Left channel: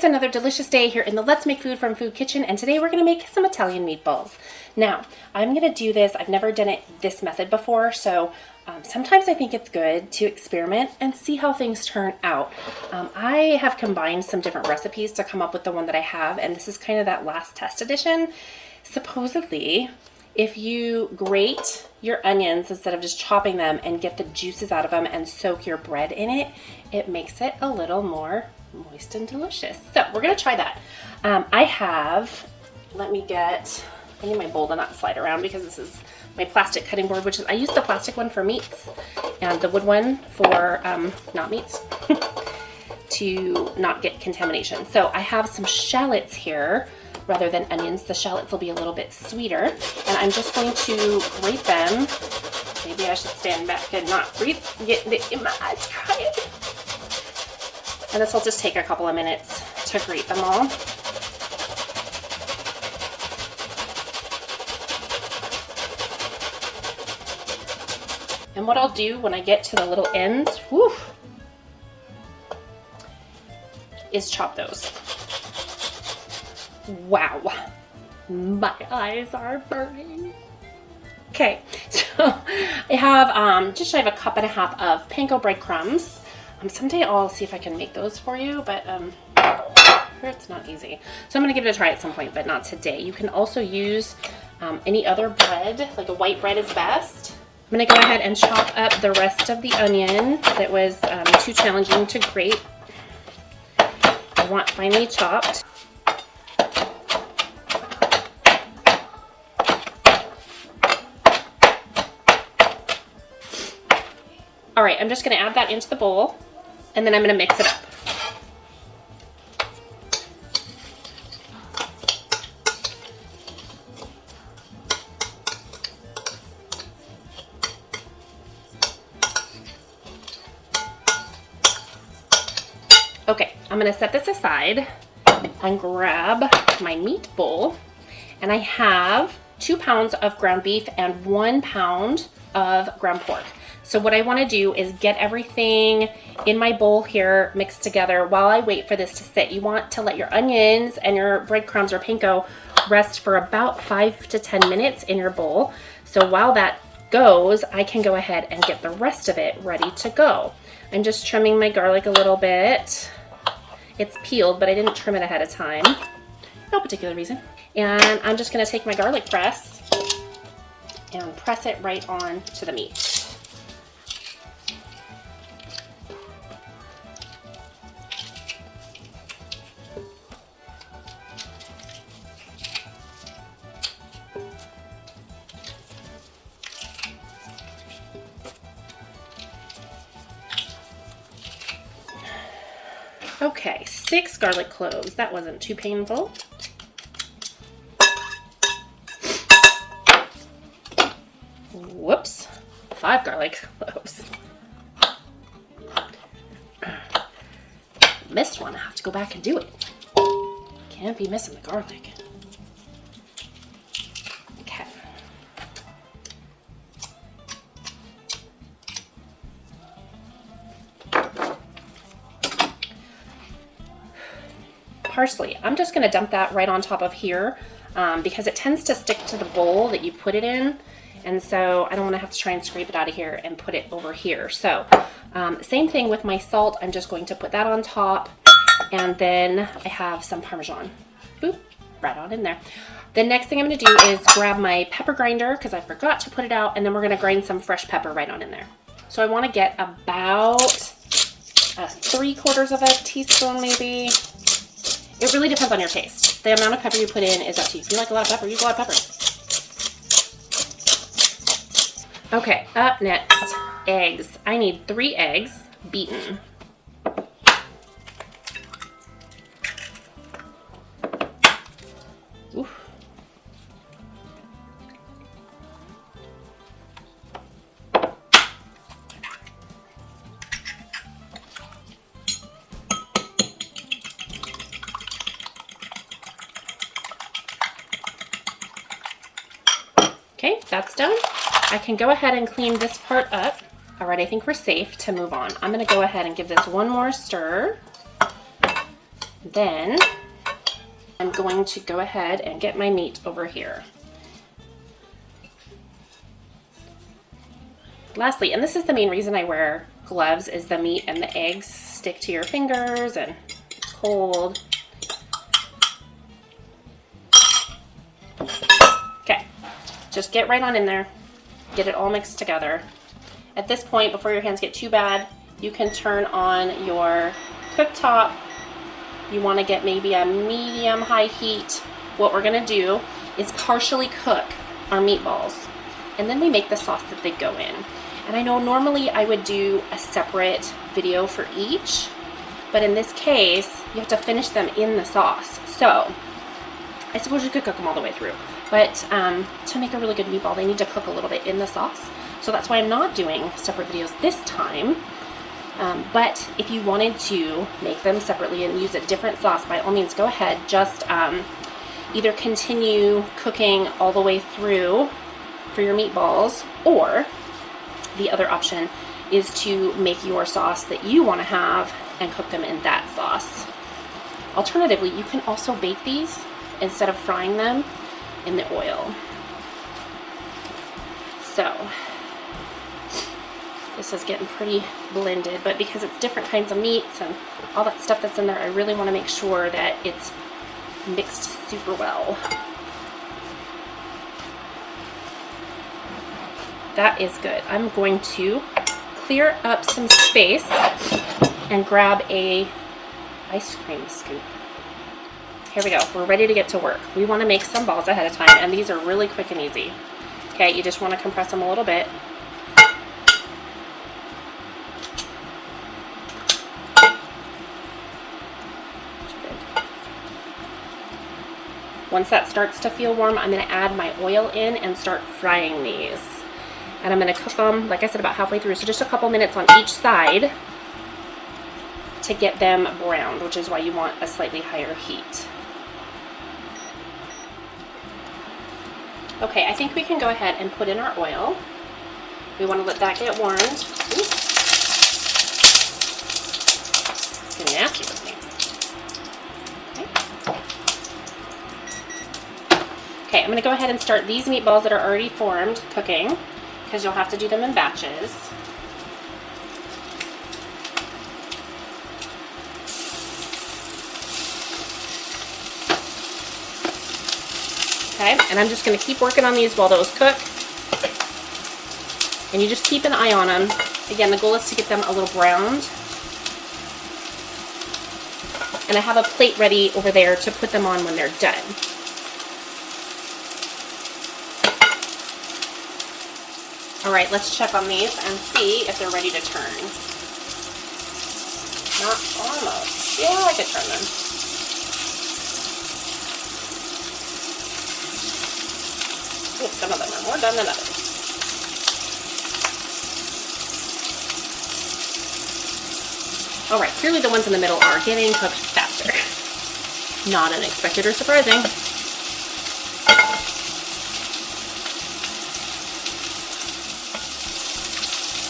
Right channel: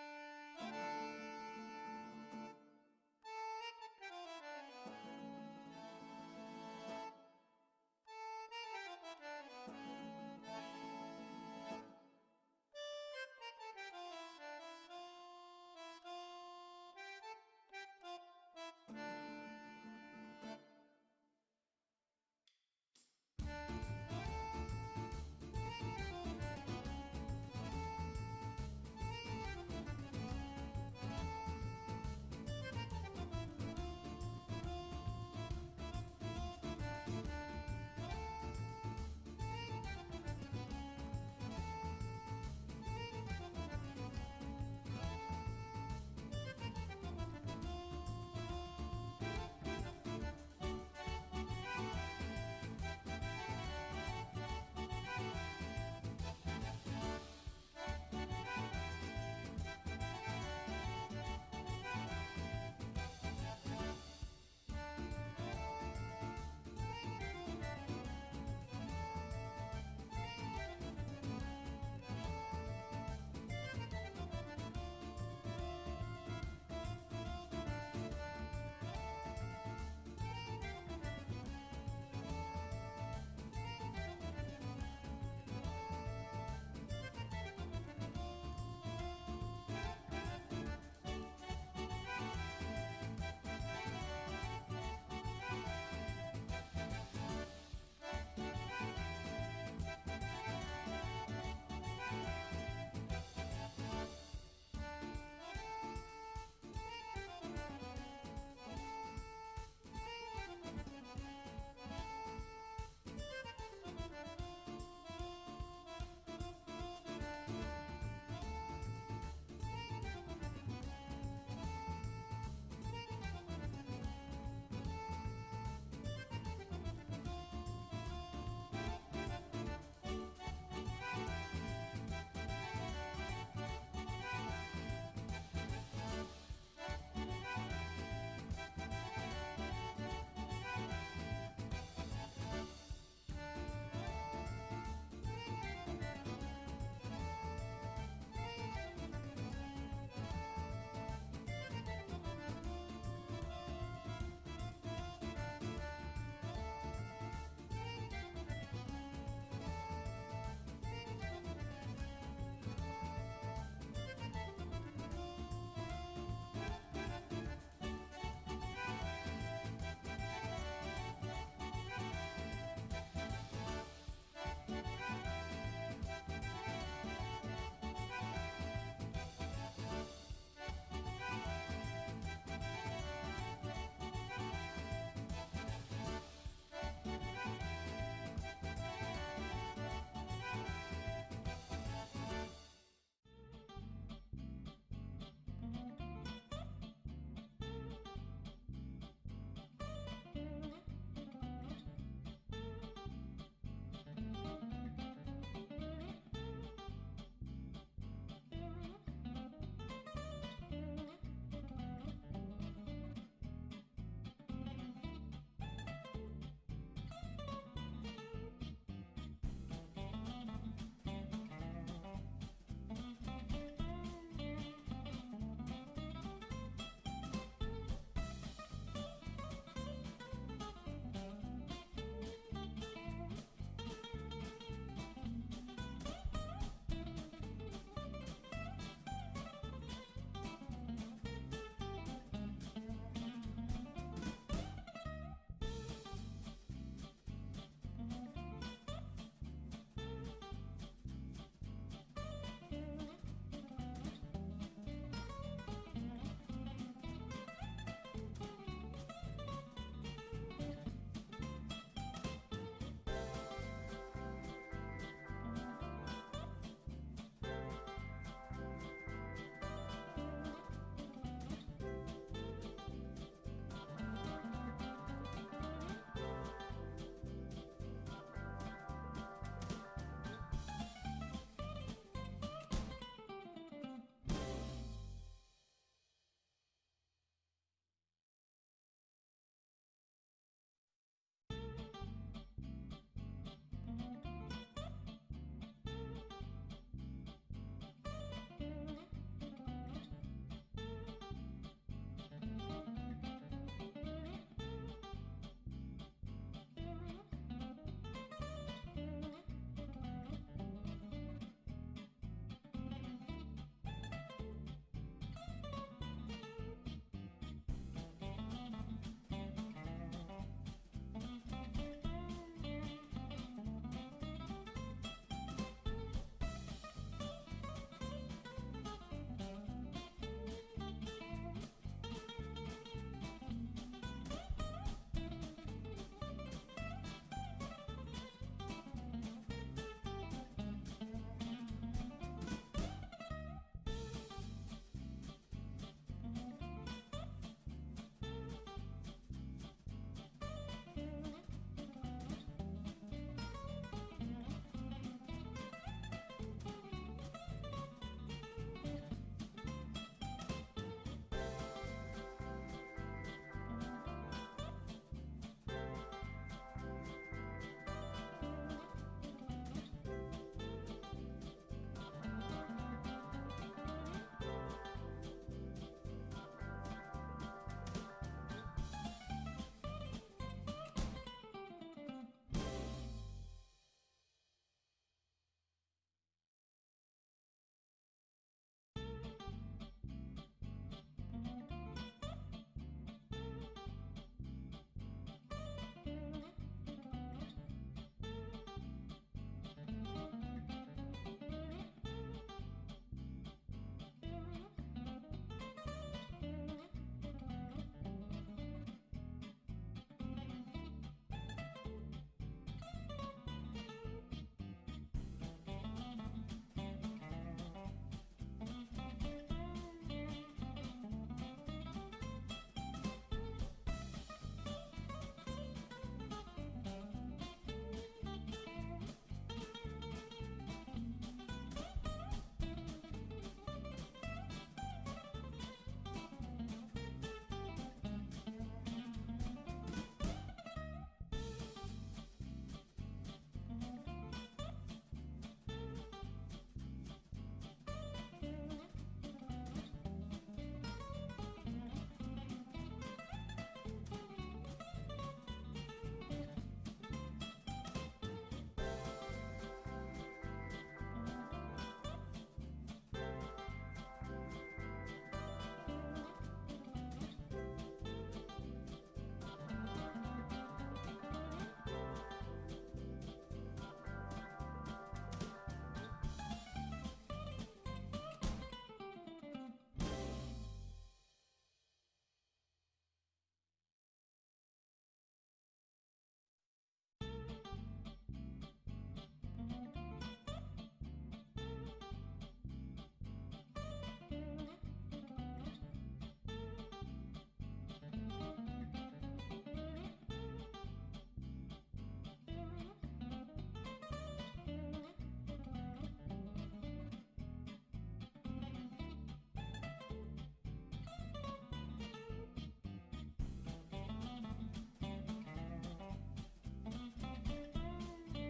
It's another delicious day here in the Let's Make Food from Food Kitchen, and today we're going to make some Italian meatballs. Now, I'm going to do this. I've never done it this method before, so sometimes I think it's good to experiment and see how things turn out. I have combined some different recipes to come up with the one that I have, and this is kind of that last test edition. Supposedly, if you grate your onions instead of just chopping them and get the juices out of them and soak your bread in it, it makes it a little more moist and delicious. So we're gonna try that. I need my bowl to not slide around because this is my plastic cutting board, which is, I use the plastic one for meats and the wood one for not meats to not get contamination. So I have some shallots here rather than onions. The shallots will be a little bit sweeter, and I'm just going to grate them. Maybe I should stand back and not breathe, get in my eyes crying. And this will just take a couple of minutes to grate them all. And what I'll do when I get to the little ends, is chop those. Wow, my eyes are burning. Okay, so I have just shy of a cup and a half of panko breadcrumbs. Someday I'll see if I can make those for you, but it's not easy. So I'm gonna give it a try at some point, but not today. You can also use any other bread, like a white bread is best. I'm gonna go ahead and chop up the rest of the onion that was too challenging to grate. I want finely chopped. All right, I'm just gonna add that into the bowl, and then I'm gonna mix it up. Okay, I'm gonna set this aside and grab my meat bowl, and I have 2 pounds of ground beef and 1 pound of ground pork. So what I want to do is get everything in my bowl here mixed together while I wait for this to sit. You want to let your onions and your breadcrumbs or panko rest for about 5 to 10 minutes in your bowl. So while that goes, I can go ahead and get the rest of it ready to go. I'm just trimming my garlic a little bit. It's peeled, but I didn't trim it ahead of time. No particular reason. And I'm just going to take my garlic press and press it right on to the meat. Okay, 6 garlic cloves. That wasn't too painful. Whoops, 5 garlic cloves. Missed one. I have to go back and do it. Can't be missing the garlic. Okay. Parsley. I'm just going to dump that right on top of here because it tends to stick to the bowl that you put it in. And so I don't want to have to try and scrape it out of here and put it over here. So same thing with my salt. I'm just going to put that on top. And then I have some Parmesan. Boop, right on in there. The next thing I'm going to do is grab my pepper grinder because I forgot to put it out. And then we're going to grind some fresh pepper right on in there. So I want to get about 3/4 of a teaspoon maybe. It really depends on your taste. The amount of pepper you put in is up to you. If you like a lot of pepper, use a lot of pepper. Okay, up next, eggs. I need 3 eggs, beaten. Oof. Okay, that's done. I can go ahead and clean this part up. All right, I think we're safe to move on. I'm gonna go ahead and give this one more stir. Then I'm going to go ahead and get my meat over here. Lastly, and this is the main reason I wear gloves, is the meat and the eggs stick to your fingers and it's cold. Okay, just get right on in there, get it all mixed together. At this point, before your hands get too bad, you can turn on your cooktop. You want to get maybe a medium-high heat. What we're going to do is partially cook our meatballs, and then we make the sauce that they go in. And I know normally I would do a separate video for each, but in this case, you have to finish them in the sauce. So I suppose you could cook them all the way through, but to make a really good meatball, they need to cook a little bit in the sauce. So that's why I'm not doing separate videos this time. But if you wanted to make them separately and use a different sauce, by all means, go ahead. Just either continue cooking all the way through for your meatballs, or the other option is to make your sauce that you want to have and cook them in that sauce. Alternatively, you can also bake these instead of frying them in the oil. So this is getting pretty blended, but because it's different kinds of meats and all that stuff that's in there, I really want to make sure that it's mixed super well. That is good. I'm going to clear up some space and grab a ice cream scoop. Here we go. We're ready to get to work. We want to make some balls ahead of time, and these are really quick and easy. Okay, you just want to compress them a little bit. Once that starts to feel warm, I'm going to add my oil in and start frying these. And I'm going to cook them, like I said, about halfway through. So just a couple minutes on each side to get them browned, which is why you want a slightly higher heat. Okay, I think we can go ahead and put in our oil. We want to let that get warmed. Ooh. It's getting nasty with me. Okay, I'm going to go ahead and start these meatballs that are already formed cooking, because you'll have to do them in batches. Okay, and I'm just going to keep working on these while those cook. And you just keep an eye on them. Again, the goal is to get them a little browned. And I have a plate ready over there to put them on when they're done. All right, let's check on these and see if they're ready to turn. Not almost. Yeah, I could turn them. Ooh, some of them are more done than others. All right, clearly the ones in the middle are getting cooked faster. Not unexpected or surprising.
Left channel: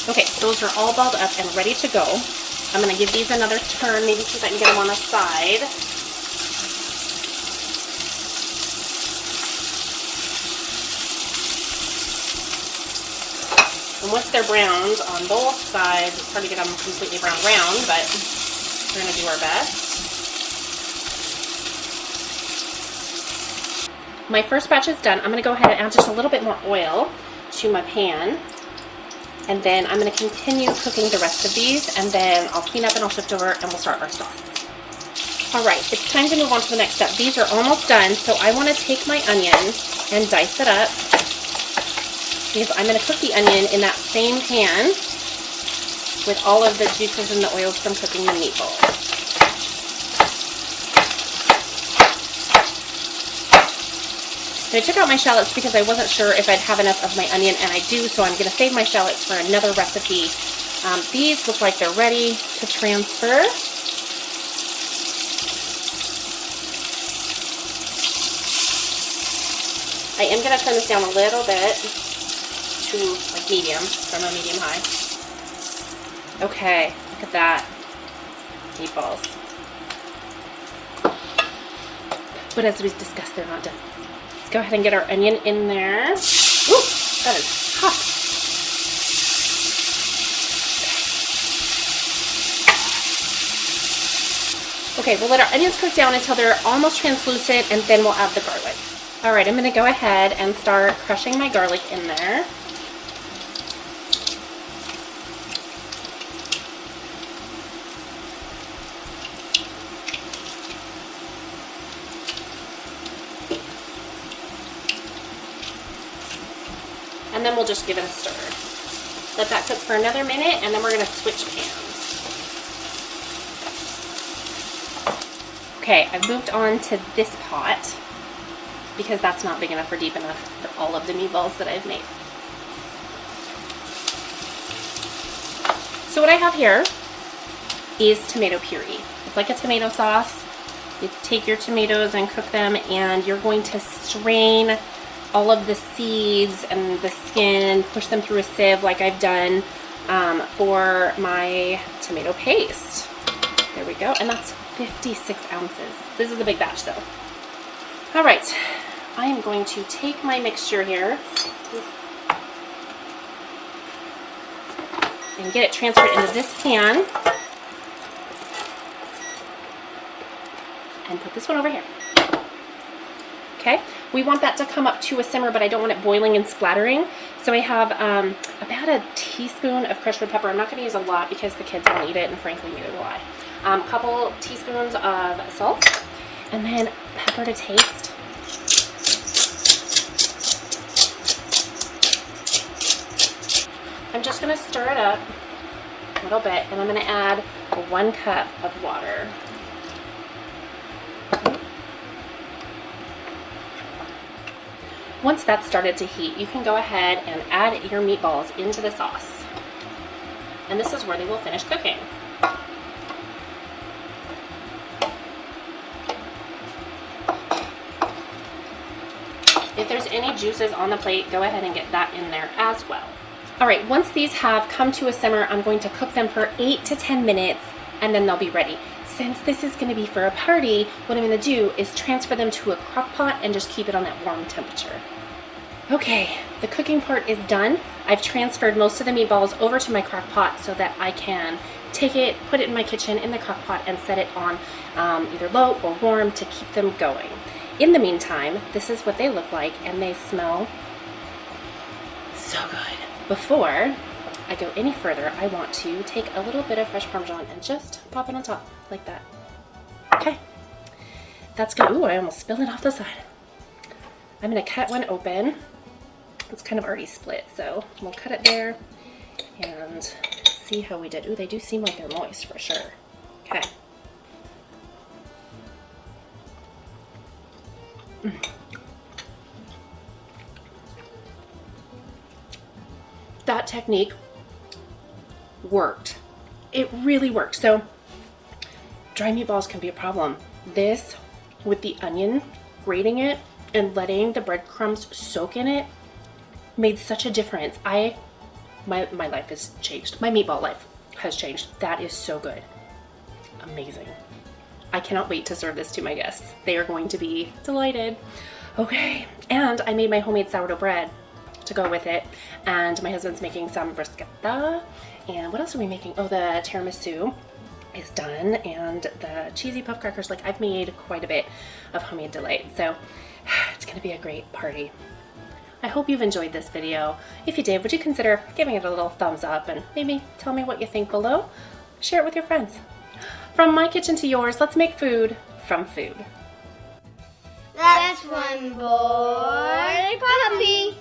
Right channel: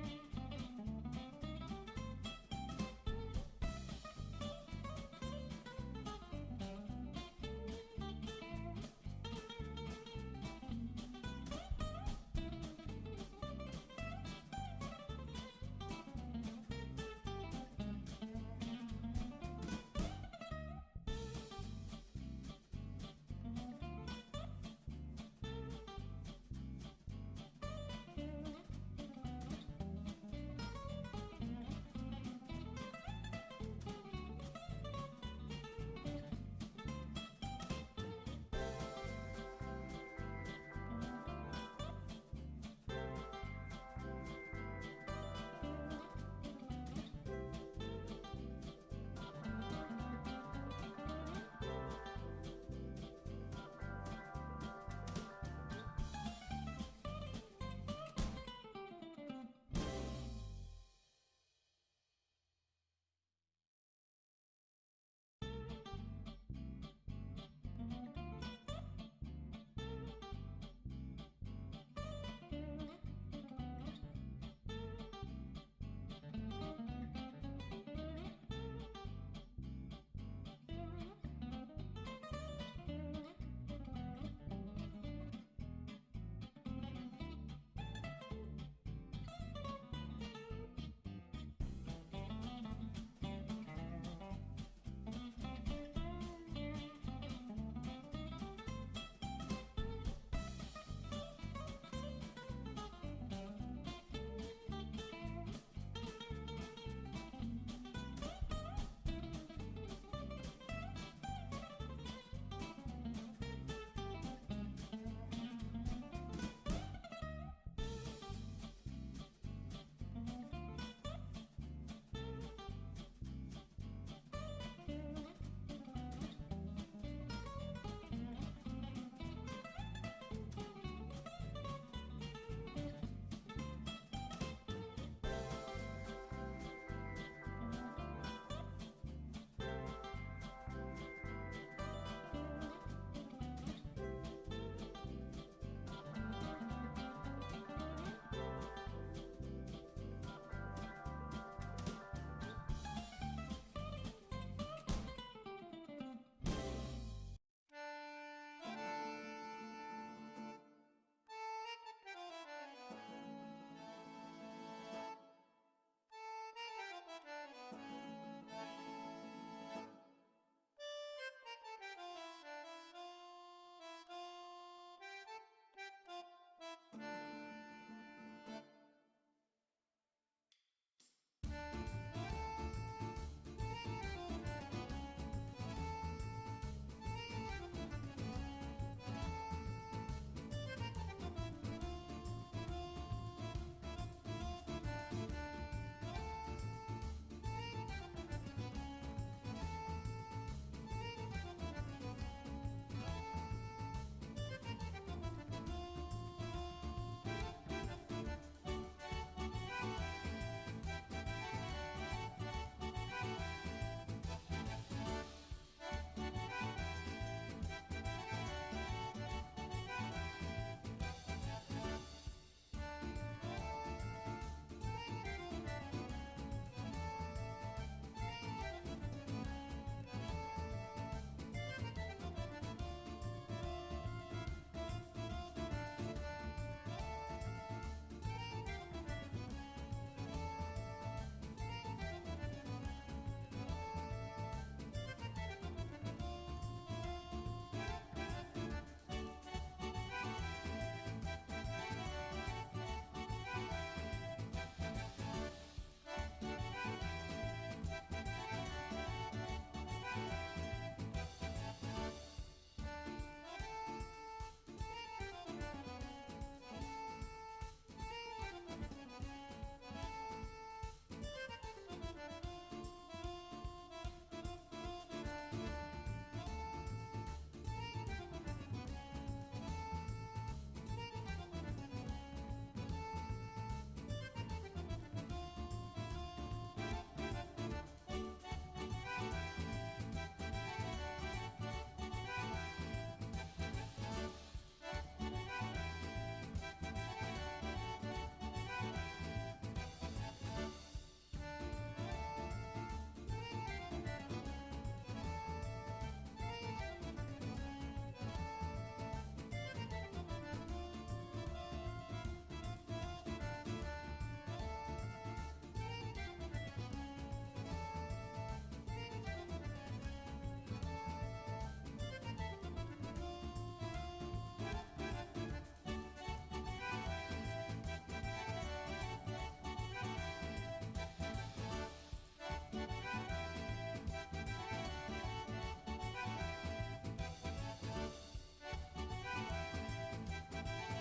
Okay, those are all balled up and ready to go. I'm going to give these another turn, maybe so that I can get them on the side. And once they're browned on both sides, it's hard to get them completely brown round, but we're going to do our best. My first batch is done. I'm going to go ahead and add just a little bit more oil to my pan. And then I'm going to continue cooking the rest of these, and then I'll clean up and I'll shift over and we'll start our sauce. All right, it's time to move on to the next step. These are almost done, so I want to take my onion and dice it up, because I'm going to cook the onion in that same pan with all of the juices and the oils from cooking the meatballs. And I took out my shallots because I wasn't sure if I'd have enough of my onion, and I do, so I'm going to save my shallots for another recipe. These look like they're ready to transfer. I am going to turn this down a little bit to like medium, from a medium high. Okay, look at that. Meatballs. But as we've discussed, they're not done. Let's go ahead and get our onion in there. Ooh, that is hot. Okay, we'll let our onions cook down until they're almost translucent, and then we'll add the garlic. All right, I'm gonna go ahead and start crushing my garlic in there. And then we'll just give it a stir. Let that cook for another minute, and then we're gonna switch pans. Okay, I've moved on to this pot because that's not big enough or deep enough for all of the meatballs that I've made. So what I have here is tomato puree. It's like a tomato sauce. You take your tomatoes and cook them, and you're going to strain all of the seeds and the skin, push them through a sieve like I've done for my tomato paste. There we go, and that's 56 ounces. This is a big batch though. All right, I am going to take my mixture here and get it transferred into this pan and put this one over here. Okay, we want that to come up to a simmer, but I don't want it boiling and splattering. So I have about a teaspoon of crushed red pepper. I'm not going to use a lot because the kids won't eat it, and frankly, neither will I. A couple teaspoons of salt, and then pepper to taste. I'm just going to stir it up a little bit, and I'm going to add 1 cup of water. Once that's started to heat, you can go ahead and add your meatballs into the sauce. And this is where they will finish cooking. If there's any juices on the plate, go ahead and get that in there as well. All right, once these have come to a simmer, I'm going to cook them for 8 to 10 minutes, and then they'll be ready. Since this is going to be for a party, what I'm going to do is transfer them to a crock pot and just keep it on that warm temperature. Okay, the cooking part is done. I've transferred most of the meatballs over to my crock pot so that I can take it, put it in my kitchen in the crock pot, and set it on either low or warm to keep them going. In the meantime, this is what they look like, and they smell so good. Before I go any further, I want to take a little bit of fresh Parmesan and just pop it on top like that. Okay, that's good. Ooh, I almost spilled it off the side. I'm gonna cut one open. It's kind of already split, so we'll cut it there and see how we did. Ooh, they do seem like they're moist for sure. Okay. That technique worked. It really worked. So dry meatballs can be a problem. This, with the onion, grating it and letting the breadcrumbs soak in it, made such a difference. My life has changed. My meatball life has changed. That is so good. Amazing. I cannot wait to serve this to my guests. They are going to be delighted. Okay, and I made my homemade sourdough bread to go with it, and my husband's making some bruschetta, and what else are we making? Oh, the tiramisu is done, and the cheesy puff crackers. Like, I've made quite a bit of homemade delight, so it's gonna be a great party. I hope you've enjoyed this video. If you did, would you consider giving it a little thumbs up and maybe tell me what you think below? Share it with your friends. From my kitchen to yours, let's make food from food. That's one boy puppy.